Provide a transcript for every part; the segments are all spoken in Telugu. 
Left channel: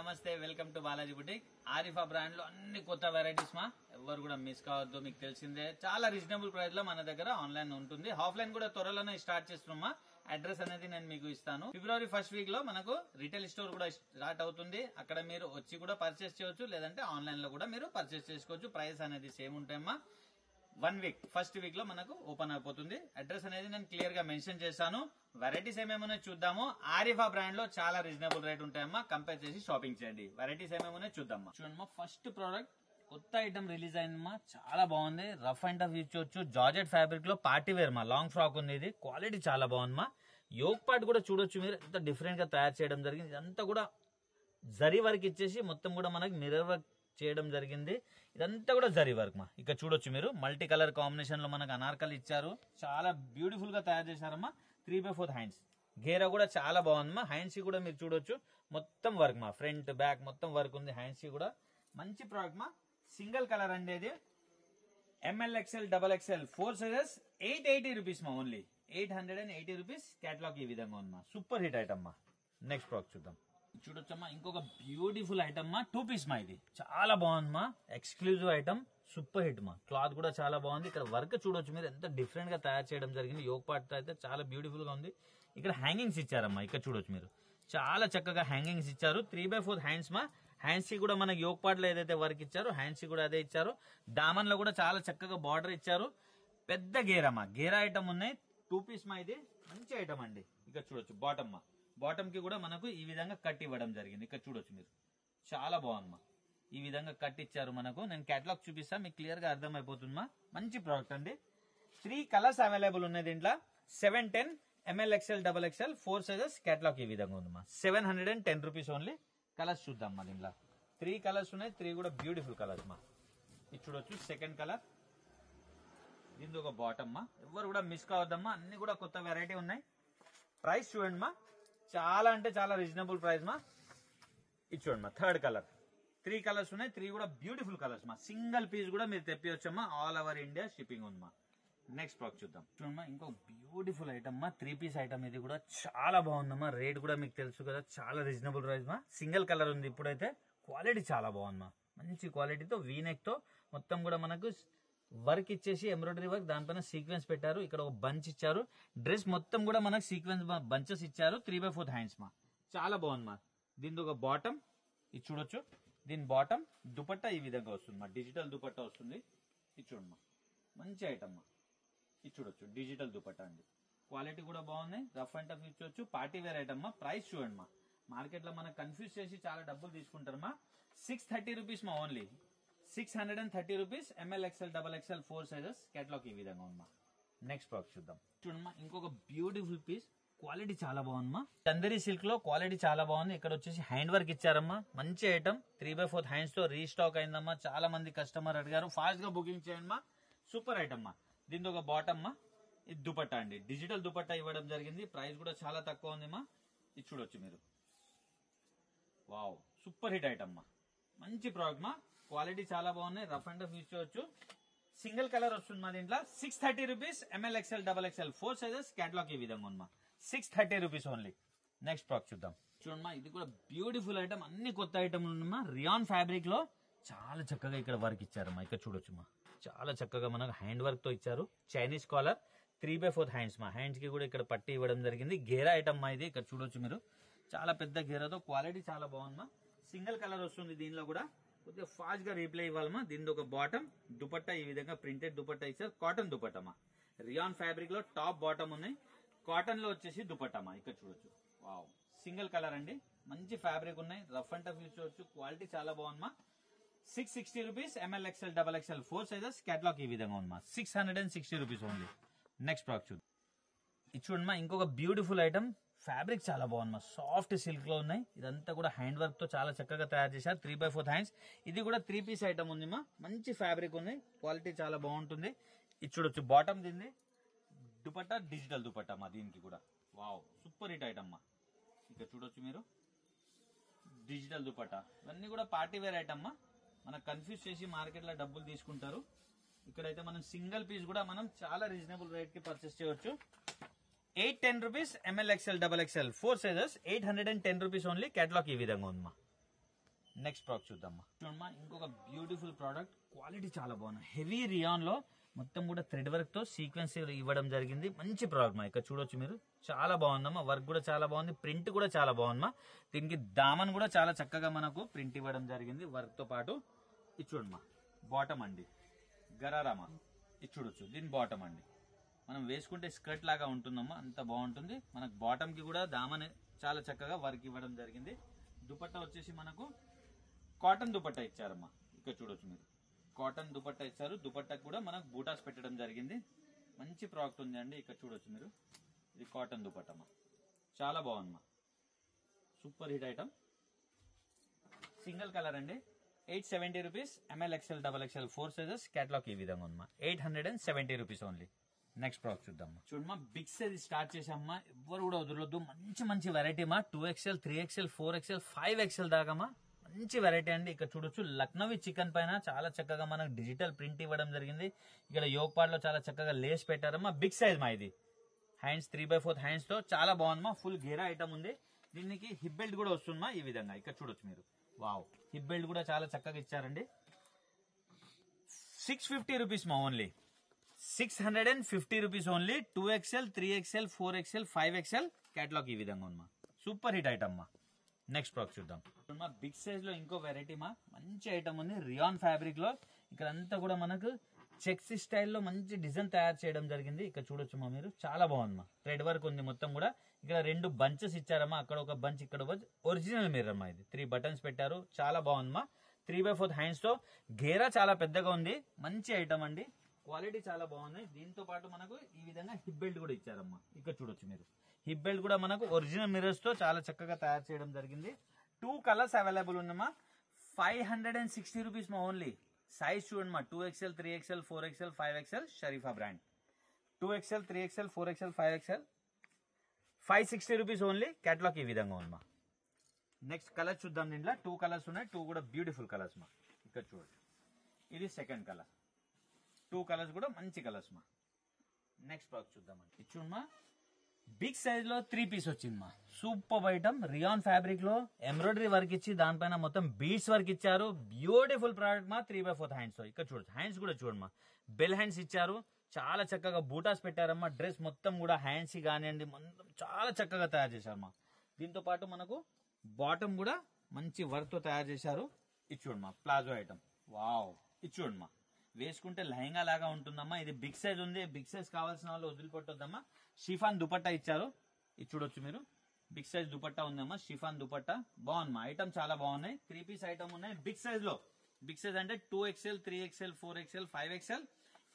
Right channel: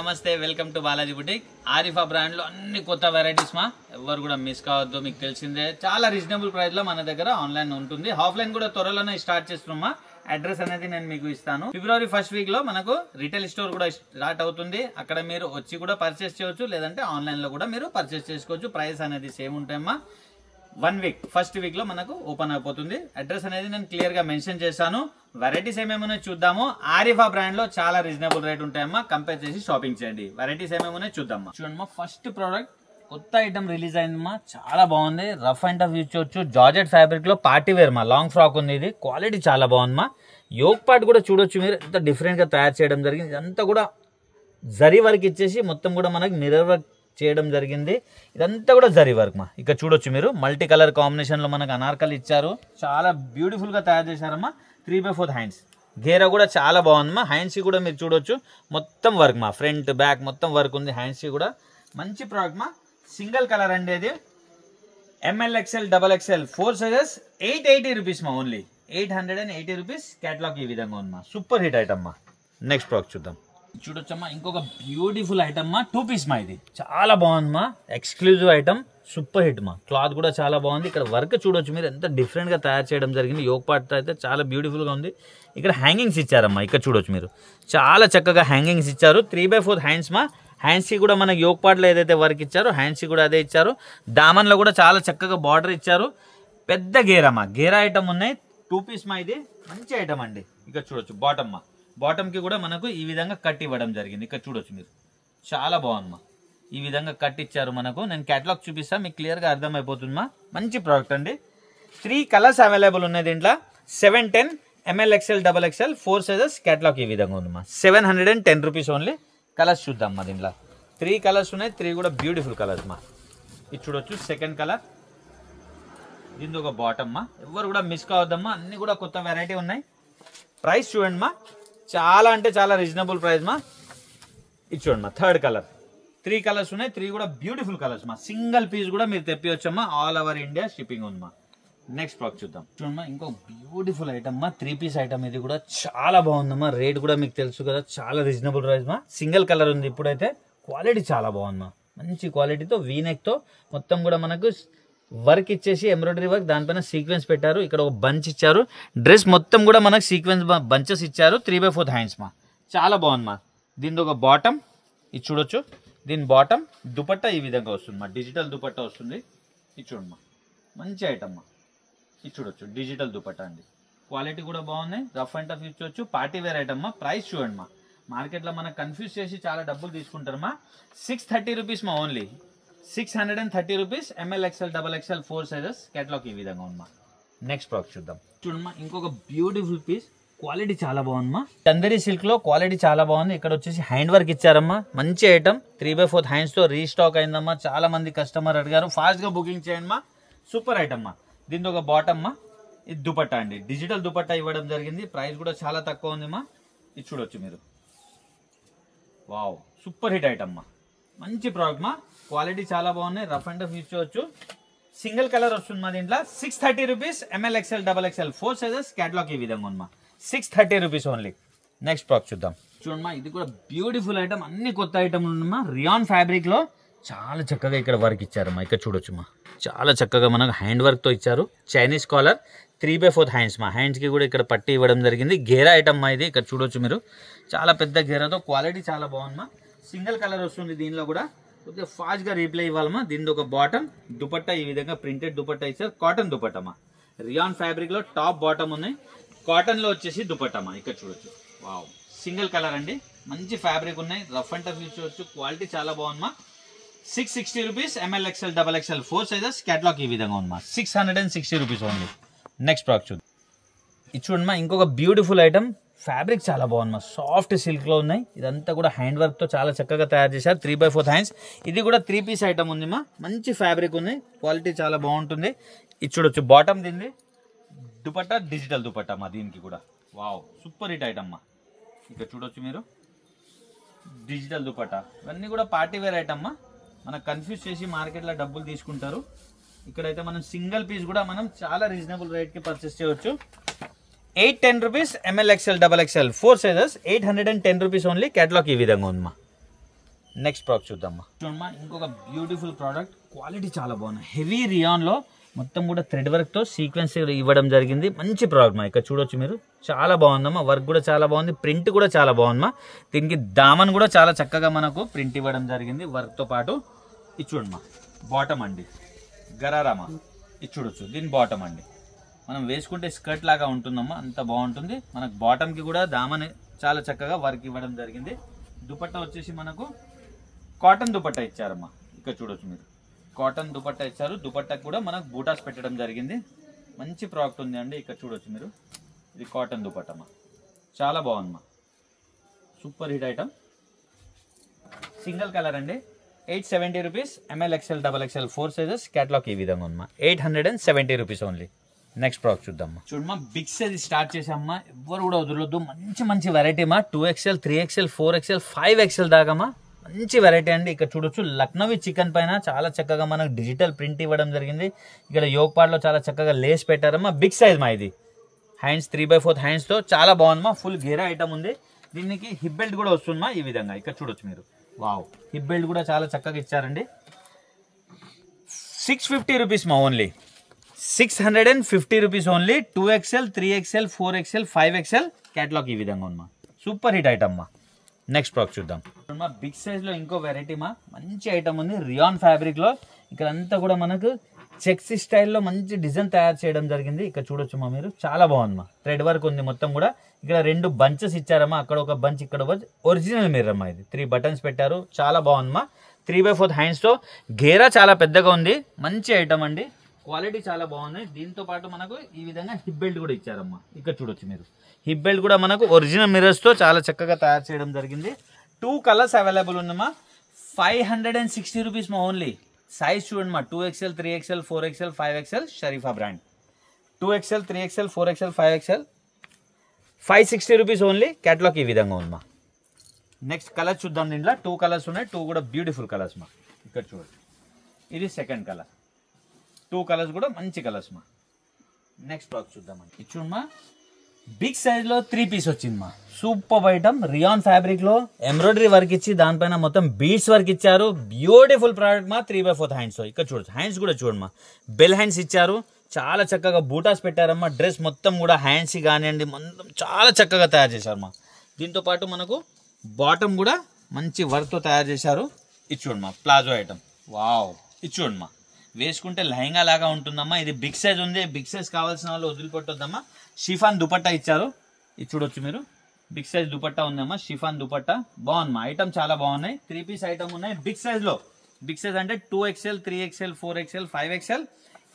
నమస్తే welcome to Balaji boutique Arifa brand లో అన్ని కొత్త వెరైటీస్ మా ఎవరు కూడా మిస్ కావద్దు మీకు తెలిసిందే చాలా రీజనబుల్ ప్రైస్ లో మన దగ్గర ఆన్లైన్ ఉంటుంది ఆఫ్లైన్ కూడా త్వరలోనే స్టార్ట్ చేస్తున్నామా అడ్రస్ అనేది నేను మీకు ఇస్తాను ఫిబ్రవరి ఫస్ట్ వీక్ లో మనకు రిటైల్ స్టోర్ కూడా స్టార్ట్ అవుతుంది అక్కడ మీరు వచ్చి కూడా పర్చేస్ చేయొచ్చు లేదంటే ఆన్లైన్ లో కూడా మీరు పర్చేస్ చేసుకోవచ్చు ప్రైస్ అనేది సేమ్ ఉంటాయమ్మా 1 వీక్ ఫస్ట్ వీక్ లో మనకు ఓపెన్ అయిపోతుంది అడ్రస్ అనేది నేను క్లియర్ గా మెన్షన్ చేశాను వెరైటీస్ ఏమేమో చూద్దాము ఆరిఫా బ్రాండ్ లో చాలా రీజనబుల్ రేట్ ఉంటాయమ్మా కంపేర్ చేసి షాపింగ్ చేయండి వెరైటీస్ ఏమేమో చూద్దామా చూడమ్మా ఫస్ట్ ప్రోడక్ట్ కొత్త ఐటమ్ రిలీజ్ అయిందమ్మా చాలా బాగుంది రఫ్ అండ్ టఫ్ యూజ్ చేయొచ్చు జార్జెట్ ఫ్యాబ్రిక్ లో పార్టీ వేర్ మా లాంగ్ ఫ్రాక్ ఉంది ఇది క్వాలిటీ చాలా బాగుందమ్మా యోక్ పార్ట్ కూడా చూడొచ్చు మీరు ఎంత డిఫరెంట్ గా తయారు చేయడం జరిగింది ఇదంతా కూడా జరీ వర్క్ ఇచ్చేసి మొత్తం కూడా మనకి మిర్రర్ వర్క్ చేయడం జరిగింది ఇదంతా కూడా జరీ వర్క్ మా ఇక్కడ చూడొచ్చు మీరు మల్టీ కలర్ కాంబినేషన్ లో మనకు అనార్కలి ఇచ్చారు చాలా బ్యూటిఫుల్ గా తయారు చేశారమ్మా 3/4 హ్యాండ్స్ గేరా కూడా చాలా బాగుందమ్మా హ్యాండ్స్ కూడా మీరు చూడొచ్చు మొత్తం వర్క్ మా ఫ్రంట్ బ్యాక్ మొత్తం వర్క్ ఉంది హ్యాండ్స్ కూడా మంచి ప్రోడక్ట్ మా సింగిల్ కలర్ అండి అది ML XL XXL 4 sizes 880 rupees మా ఓన్లీ 880 రూపీస్ కేటలాగ్ ఈ విధంగా ఉందమ్మా సూపర్ హిట్ ఐటమ్ మా నెక్స్ట్ ప్రోడక్ట్ చూద్దాం చూడొచ్చమ్మా ఇంకొక బ్యూటిఫుల్ ఐటమ్ మా 2 పీస్ మా ఇది చాలా బాగుందమ్మా ఎక్స్క్లూజివ్ ఐటమ్ సూపర్ హిట్ మా క్లాత్ కూడా చాలా బాగుంది ఇక్కడ వర్క్ చూడొచ్చు మీరు ఎంత డిఫరెంట్ గా తయారు చేయడం జరిగింది యోక్ పార్ట్ అయితే చాలా బ్యూటిఫుల్ గా ఉంది ఇక్కడ హ్యాంగింగ్స్ ఇచ్చారమ్మా ఇక్కడ చూడొచ్చు మీరు చాలా చక్కగా హ్యాంగింగ్స్ ఇచ్చారు 3/4 హ్యాండ్స్ మా హ్యాండ్స్ కి కూడా మనకి యోక్ పార్ట్ లో ఏదైతే వర్క్ ఇచ్చారో హ్యాండ్స్ కి కూడా అదే ఇచ్చారు దామన్ లో కూడా చాలా చక్కగా బార్డర్ ఇచ్చారు పెద్ద గేరమ్మా గేరా ఐటమ్ ఉన్నాయి 2 పీస్ మా ఇది మంచి ఐటమ్ అండి ఇక్కడ చూడొచ్చు బాటమ్ మా బాటమ్ కి కూడా మనకు ఈ విధంగా కట్ ఇవ్వడం జరిగింది ఇక్కడ చూడొచ్చు మీరు చాలా బాగుందమ్మా ఈ విధంగా కట్ ఇచ్చారు మనకు నేను కేటలాగ్ చూపిస్తా మీకు క్లియర్ గా అర్థమైపోతుందమ్మా మంచి ప్రోడక్ట్ అండి 3 కలర్స్ అవైలబుల్ ఉన్నాయి దీంట్లో 710 ML XL XXL 4 sizes catalogue ఈ విధంగా ఉందమ్మా 710 రూపీస్ ఓన్లీ కలర్స్ చూద్దామమ్మా దీంట్లో 3 కలర్స్ ఉన్నాయి 3 కూడా బ్యూటిఫుల్ కలర్స్ మా ఇది చూడొచ్చు సెకండ్ కలర్ దీని ఒక బాటమ్ మా ఎవరు కూడా మిస్ కావద్దమ్మా అన్ని కూడా కొత్త వెరైటీ ఉన్నాయి ప్రైస్ చూడండి మా చాలా అంటే చాలా రీజనబుల్ ప్రైస్ మా ఇది చూడండి మా థర్డ్ కలర్ 3 కలర్స్ ఉన్నాయి 3 కూడా బ్యూటిఫుల్ కలర్స్ మా సింగిల్ పీస్ కూడా మీరు తెప్పివచ్చమ్మా ఆల్ ఓవర్ ఇండియా షిప్పింగ్ ఉంది మా నెక్స్ట్ ప్రోడక్ట్ చూద్దాం చూడమ్మా ఇంకో బ్యూటిఫుల్ ఐటమ్ మా 3 పీస్ ఐటమ్ ఇది కూడా చాలా బాగుందమ్మా రేట్ కూడా మీకు తెలుసు కదా చాలా రీజనబుల్ ప్రైస్ మా సింగిల్ కలర్ ఉంది ఇప్పుడైతే క్వాలిటీ చాలా బాగుందమ్మా మంచి క్వాలిటీతో వీనెక్ తో మొత్తం కూడా మనకు వర్క్ ఇచ్చేసి ఎంబ్రాయిడరీ వర్క్ దానిపైన సీక్వెన్స్ పెట్టారు ఇక్కడ ఒక బంచ్ ఇచ్చారు డ్రెస్ మొత్తం కూడా మనకు సీక్వెన్స్ బంచెస్ ఇచ్చారు 3/4 హ్యాండ్స్ మా చాలా బాగుంది మా దీని ఒక బాటమ్ ఇది చూడొచ్చు దీని బాటమ్ దుపట్టా ఈ విధంగా వస్తుంది మా డిజిటల్ దుపట్టా వస్తుంది ఇది చూడమ్మా మంచి ఐటమ్ మా ఇది చూడొచ్చు డిజిటల్ దుపట్టా అండి క్వాలిటీ కూడా బాగున్నాయి రఫ్ అండ్ టఫ్ ఇచ్చొచ్చు పార్టీ వేర్ ఐటమ్ మా ప్రైస్ చూడండి మా మార్కెట్లో మనకు కన్ఫ్యూజ్ చేసి చాలా డబ్బులు తీసుకుంటారు మా 630 రూపీస్ మా only 630 rupees ML XL XXL 4 sizes catalogue ఈ విధంగా ఉందమ్మా నెక్స్ట్ ప్రోడక్ట్ చూద్దాం చూడమ్మా ఇంకొక బ్యూటిఫుల్ పీస్ క్వాలిటీ చాలా బాగుందమ్మా చందేరి సిల్క్ లో క్వాలిటీ చాలా బాగుంది ఇక్కడ వచ్చేసి హ్యాండ్ వర్క్ ఇచ్చారమ్మా మంచి ఐటమ్ 3/4 హ్యాండ్స్ తో రీస్టాక్ అయిందమ్మా చాలా మంది కస్టమర్ అడిగారు ఫాస్ట్ గా బుకింగ్ చేయండి మా సూపర్ ఐటమ్ మా దీంతో ఒక బాటమ్ మా ఇది దుపట్టా అండి డిజిటల్ దుపట్టా ఇవ్వడం జరిగింది ప్రైస్ కూడా చాలా తక్కువ ఉంది మా ఇది చూడొచ్చు మీరు వావ్ సూపర్ హిట్ ఐటమ్ మా మంచి ప్రోడక్ట్ మా క్వాలిటీ చాలా బాగున్నాయి రఫ్ అండ్ టఫ్ యూజ్ చేయొచ్చు సింగిల్ కలర్ వస్తుంది మా దీంట్లో 630 rupees ML XL XXL 4 sizes catalogue ఈ విధంగా ఉంది మా 630 రూపీస్ ఓన్లీ నెక్స్ట్ ప్రోడక్ట్ చూద్దాం చూడమ్మా ఇది కూడా బ్యూటిఫుల్ ఐటమ్ అన్ని కొత్త ఐటమ్ ఉందమ్మా రియాన్ ఫ్యాబ్రిక్ లో చాలా చక్కగా ఇక్కడ వర్క్ ఇచ్చారమ్మా ఇక్కడ చూడొచ్చు మా చాలా చక్కగా మనకు హ్యాండ్ వర్క్ తో ఇచ్చారు చైనీస్ కాలర్ 3/4 హ్యాండ్స్ మా హ్యాండ్స్ కి కూడా ఇక్కడ పట్టి ఇవ్వడం జరిగింది గేరా ఐటమ్ మా ఇది ఇక్కడ చూడొచ్చు మీరు చాలా పెద్ద గేరాతో క్వాలిటీ చాలా బాగుందమ్మా సింగిల్ కలర్ వస్తుంది దీనిలో కూడా కొద్దిగా ఫాస్ట్ గా రీప్లై ఇవ్వాలమ్మా దీని ఒక బాటమ్ దుపట్టా ఈ విధంగా ప్రింటెడ్ దుపట్టా ఇచ్చారు కాటన్ దుపట్టమ్మా రియాన్ ఫ్యాబ్రిక్ లో టాప్ బాటమ్ ఉన్నాయి కాటన్ లో వచ్చేసి దుపట్టమ్మా ఇక్కడ చూడొచ్చు వావ్ సింగిల్ కలర్ అండి మంచి ఫ్యాబ్రిక్ ఉన్నాయి రఫ్ అండ్ టఫ్ యూజ్ చేయొచ్చు క్వాలిటీ చాలా బాగుందమ్మా 660 rupees ML XL XXL 4 sizes catalogue ఈ విధంగా ఉందమ్మా 660 రూపీస్ ఓన్లీ నెక్స్ట్ ప్రోడక్ట్ చూద్దాం ఇది చూడమ్మా ఇంకొక బ్యూటిఫుల్ ఐటమ్ ఫ్యాబ్రిక్ చాలా బాగుందమ్మా సాఫ్ట్ సిల్క్ లో ఉన్నాయి ఇదంతా కూడా హ్యాండ్ వర్క్ తో చాలా చక్కగా తయారు చేశారు 3/4 హ్యాండ్స్ ఇది కూడా 3 పీస్ ఐటమ్ ఉంది మా మంచి ఫ్యాబ్రిక్ ఉంది క్వాలిటీ చాలా బాగుంటుంది ఇది చూడొచ్చు బాటమ్ దీన్ని దుపట్టా డిజిటల్ దుపట్టా మా దీనికి కూడా వావ్ సూపర్ హిట్ ఐటమ్ మా ఇక్కడ చూడొచ్చు మీరు డిజిటల్ దుపట్టా ఇవన్నీ కూడా పార్టీ వేర్ ఐటమ్ మా మనకు కన్ఫ్యూజ్ చేసి మార్కెట్లో డబ్బులు తీసుకుంటారు ఇక్కడైతే మనం సింగిల్ పీస్ కూడా మనం చాలా రీజనబుల్ రేట్ కి పర్చేస్ చేయొచ్చు 810 rupees ML XL XXL 4 sizes 810 rupees only. Catalog ఈ విధంగా ఉందమ్మా. నెక్స్ట్ ప్రోడక్ట్ చూద్దామా. చూడమ్మా ఇంకొక బ్యూటిఫుల్ ప్రోడక్ట్, క్వాలిటీ చాలా బాగుంది. హెవీ రియాన్లో మొత్తం కూడా థ్రెడ్ వర్క్తో సీక్వెన్స్ ఇవ్వడం జరిగింది. మంచి ప్రోడక్ట్ మా, ఇక్కడ చూడొచ్చు మీరు. చాలా బాగుందమ్మా, వర్క్ కూడా చాలా బాగుంది, ప్రింట్ కూడా చాలా బాగుందమ్మా. దీనికి దామన్ కూడా చాలా చక్కగా మనకు ప్రింట్ ఇవ్వడం జరిగింది వర్క్తో పాటు. ఇది చూడమ్మా బాటమ్ అండి, గరారామా ఇది చూడొచ్చు. దీని బాటమ్ అండి, మనం వేసుకుంటే స్కర్ట్ లాగా ఉంటుందమ్మా, అంత బాగుంటుంది. మనకు బాటమ్కి కూడా దామన్ చాలా చక్కగా వర్క్ ఇవ్వడం జరిగింది. దుపట్టా వచ్చేసి మనకు కాటన్ దుపట్టా ఇచ్చారమ్మా, ఇక్కడ చూడొచ్చు మీరు. కాటన్ దుపట్టా ఇచ్చారు. దుపట్టాకు కూడా మనకు బూటాస్ పెట్టడం జరిగింది. మంచి ప్రోడక్ట్ ఉంది అండి, ఇక్కడ చూడొచ్చు మీరు. ఇది కాటన్ దుపట్టమ్మా, చాలా బాగుందమ్మా, super hit item. Single colour అండి, 870 rupees. ML XL XXL 4 sizes. Catalogue ఈ విధంగా ఉందమ్మా, 870 రూపీస్ ఓన్లీ. నెక్స్ట్ ప్రోడక్ట్ చూద్దామా. చూడమ్మా బిగ్ సైజ్ స్టార్ట్ చేసామ్మా, ఎవ్వరు కూడా వదలొద్దు. మంచి మంచి వెరైటీ మా, 2XL 3XL 4XL 5XL దాకామా, మంచి వెరైటీ అండి. ఇక్కడ చూడొచ్చు లక్నోవి చికెన్ పైన చాలా చక్కగా మనకు డిజిటల్ ప్రింట్ ఇవ్వడం జరిగింది. ఇక్కడ యోగ్ పార్ట్లో చాలా చక్కగా లేస్ పెట్టారమ్మా. బిగ్ సైజ్ మా ఇది, హ్యాండ్స్ 3/4 హ్యాండ్స్తో చాలా బాగుందమ్మా. ఫుల్ గేరా ఐటమ్ ఉంది. దీనికి హిప్ బెల్ట్ కూడా వస్తుందమ్మా ఈ విధంగా, ఇక్కడ చూడొచ్చు మీరు. వావ్, హిప్ బెల్ట్ కూడా చాలా చక్కగా ఇచ్చారండి. 650 రూపీస్ మా, only 650 rupees only. 2XL 3XL 4XL 5XL catalogue ఈ విధంగా ఉందమ్మా, సూపర్ హిట్ ఐటమ్ మా. నెక్స్ట్ ప్రోడక్ట్ చూద్దాం. బిగ్ సైజ్ లో ఇంకో వెరైటీ మా, మంచి ఐటమ్ ఉంది. రియాన్ ఫ్యాబ్రిక్ లో ఇక్కడ అంతా కూడా మనకు చెక్స్ స్టైల్లో మంచి డిజైన్ తయారు చేయడం జరిగింది. ఇక్కడ చూడొచ్చు మా మీరు, చాలా బాగుందమ్మా. థ్రెడ్ వర్క్ ఉంది మొత్తం కూడా. ఇక్కడ 2 బంచెస్ ఇచ్చారమ్మా, అక్కడ ఒక బంచ్, ఇక్కడ ఒరిజినల్ మిర్రర్ అమ్మా. ఇది 3 బటన్స్ పెట్టారు, చాలా బాగుందమ్మా. 3/4 హ్యాండ్స్ తో, గేరా చాలా పెద్దగా ఉంది. మంచి ఐటమ్ అండి, క్వాలిటీ చాలా బాగుంది. దీంతో పాటు మనకు ఈ విధంగా హిప్ బెల్ట్ కూడా ఇచ్చారమ్మా, ఇక్కడ చూడొచ్చు మీరు. హిప్ బెల్ట్ కూడా మనకు ఒరిజినల్ మిర్రర్స్ తో చాలా చక్కగా తయారు చేయడం జరిగింది. 2 కలర్స్ అవైలబుల్ ఉందమ్మా. 560 రూపీస్ మా ఓన్లీ. సైజ్ చూడండి మా, 2XL 3XL 4XL 5XL Sharifa brand. 2XL 3XL 4XL 5XL 560 rupees only. Catalogue ఈ విధంగా ఉందమ్మా. నెక్స్ట్ కలర్ చూద్దాం. దీంట్లో 2 కలర్స్ ఉన్నాయి, 2 కూడా బ్యూటిఫుల్ కలర్స్ మా. ఇక్కడ చూడండి, ఇది సెకండ్ కలర్. 2 కలర్స్ కూడా మంచి కలర్స్ మా. నెక్స్ట్ బాక్స్ చూద్దామండి. ఇది చూడమ్మా, బిగ్ సైజ్ లో 3 పీస్ వచ్చింది మా, సూపర్ ఐటమ్. రియాన్ ఫ్యాబ్రిక్ లో ఎంబ్రాయిడరీ వర్క్ ఇచ్చి దానిపైన మొత్తం బీడ్స్ వర్క్ ఇచ్చారు. బ్యూటిఫుల్ ప్రోడక్ట్ మా. 3/4 హ్యాండ్స్. ఇక్కడ చూడొచ్చు, హ్యాండ్స్ కూడా చూడమ్మా, బెల్ హ్యాండ్స్ ఇచ్చారు. చాలా చక్కగా బూటాస్ పెట్టారమ్మా. డ్రెస్ మొత్తం కూడా హ్యాండ్స్ కానివ్వండి మొత్తం చాలా చక్కగా తయారు చేశారమ్మా. దీంతో పాటు మనకు బాటమ్ కూడా మంచి వర్క్తో తయారు చేశారు. ఇది చూడమ్మా, ప్లాజో ఐటమ్. వావ్, ఇది చూడమ్మా, వేసుకుంటే లెహంగా లాగా ఉంటుందమ్మా. ఇది బిగ్ సైజ్ ఉంది, బిగ్ సైజ్ కావాల్సిన వాళ్ళు వదిలిపెట్టొద్దమ్మా. షిఫాన్ దుపట్టా ఇచ్చారు, ఇది చూడొచ్చు మీరు. బిగ్ సైజ్ దుపట్టా ఉందమ్మా, షిఫాన్ దుపట్టా. బాగుందమ్మా, ఐటమ్ చాలా బాగున్నాయి. 3 పీస్ ఐటమ్ ఉన్నాయి బిగ్ సైజ్ లో. బిగ్ సైజ్ అంటే 2XL 3XL 4XL 5XL.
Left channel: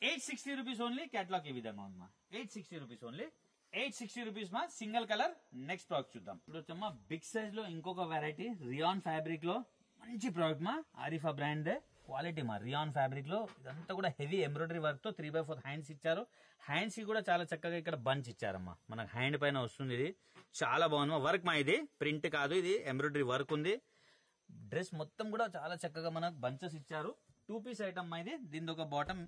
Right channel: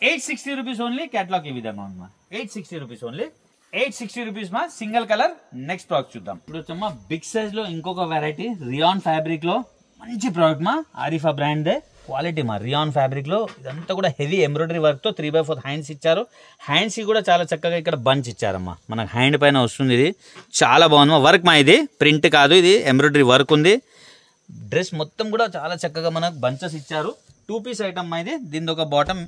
860 rupees only. Catalogue ఈ విధంగా ఉందమ్మా, 860 రూపీస్ ఓన్లీ. 860 రూపీస్ మా, సింగిల్ కలర్. నెక్స్ట్ ప్రోడక్ట్ చూద్దాం. ఇప్పుడు వచ్చమ్మా బిగ్ సైజ్ లో ఇంకొక వెరైటీ, రియాన్ ఫ్యాబ్రిక్ లో మంచి ప్రోడక్ట్ మా, ఆరిఫా బ్రాండ్ దే. క్వాలిటీ మా, రియాన్ ఫ్యాబ్రిక్ లో ఇదంతా కూడా హెవీ ఎంబ్రాయిడరీ వర్క్ తో 3/4 హ్యాండ్స్ ఇచ్చారు. హ్యాండ్స్ కూడా చాలా చక్కగా ఇక్కడ బంచ్ ఇచ్చారమ్మా. మనకు హ్యాండ్ పైన వస్తుంది, ఇది చాలా బాగుందమ్మా. వర్క్ మా, ఇది ప్రింట్ కాదు, ఇది ఎంబ్రాయిడరీ వర్క్ ఉంది. డ్రెస్ మొత్తం కూడా చాలా చక్కగా మనకు బంచెస్ ఇచ్చారు. 2 పీస్ ఐటమ్ మా ఇది. దీని ఒక bottom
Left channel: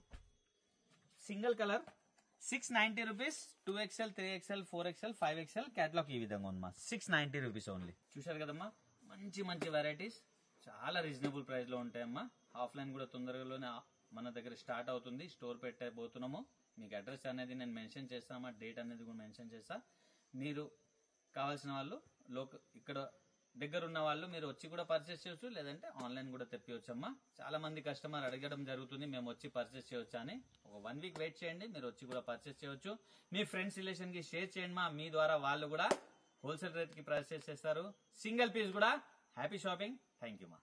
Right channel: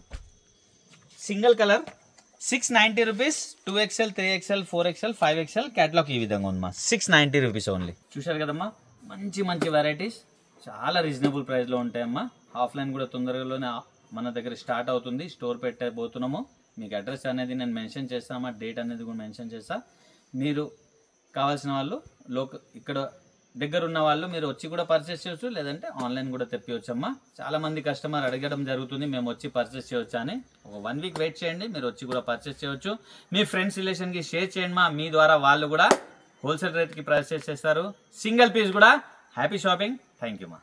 single colour. 690 rupees. 2XL 3XL 4XL 5XL catalogue ఈ విధంగా ఉందమ్మా, 690 రూపీస్ ఓన్లీ. చూశారు కదమ్మా, మంచి మంచి వెరైటీస్ చాలా రీజనబుల్ ప్రైస్లో ఉంటాయమ్మా. ఆఫ్లైన్ కూడా తొందరగానే మన దగ్గర స్టార్ట్ అవుతుంది. స్టోర్ పెట్టబోతున్నాము. మీకు అడ్రస్ అనేది నేను మెన్షన్ చేస్తామా, డేట్ అనేది కూడా మెన్షన్ చేస్తా. మీరు కావాల్సిన వాళ్ళు ఇక్కడ దగ్గర ఉన్న వాళ్ళు మీరు వచ్చి కూడా పర్చేస్ చేయొచ్చు, లేదంటే ఆన్లైన్ కూడా తెప్పివచ్చమ్మా. చాలా మంది కస్టమర్ అడగడం జరుగుతుంది, మేము వచ్చి పర్చేస్ చేయొచ్చా అని. ఒక 1 వీక్ వెయిట్ చేయండి, మీరు వచ్చి కూడా పర్చేస్ చేయొచ్చు. మీ ఫ్రెండ్స్ రిలేషన్కి షేర్ చేయండి మా, మీ ద్వారా వాళ్ళు కూడా హోల్సేల్ రేట్కి పర్చేస్ చేస్తారు. సింగిల్ పీస్ కూడా. Happy shopping. థ్యాంక్ యూ మా.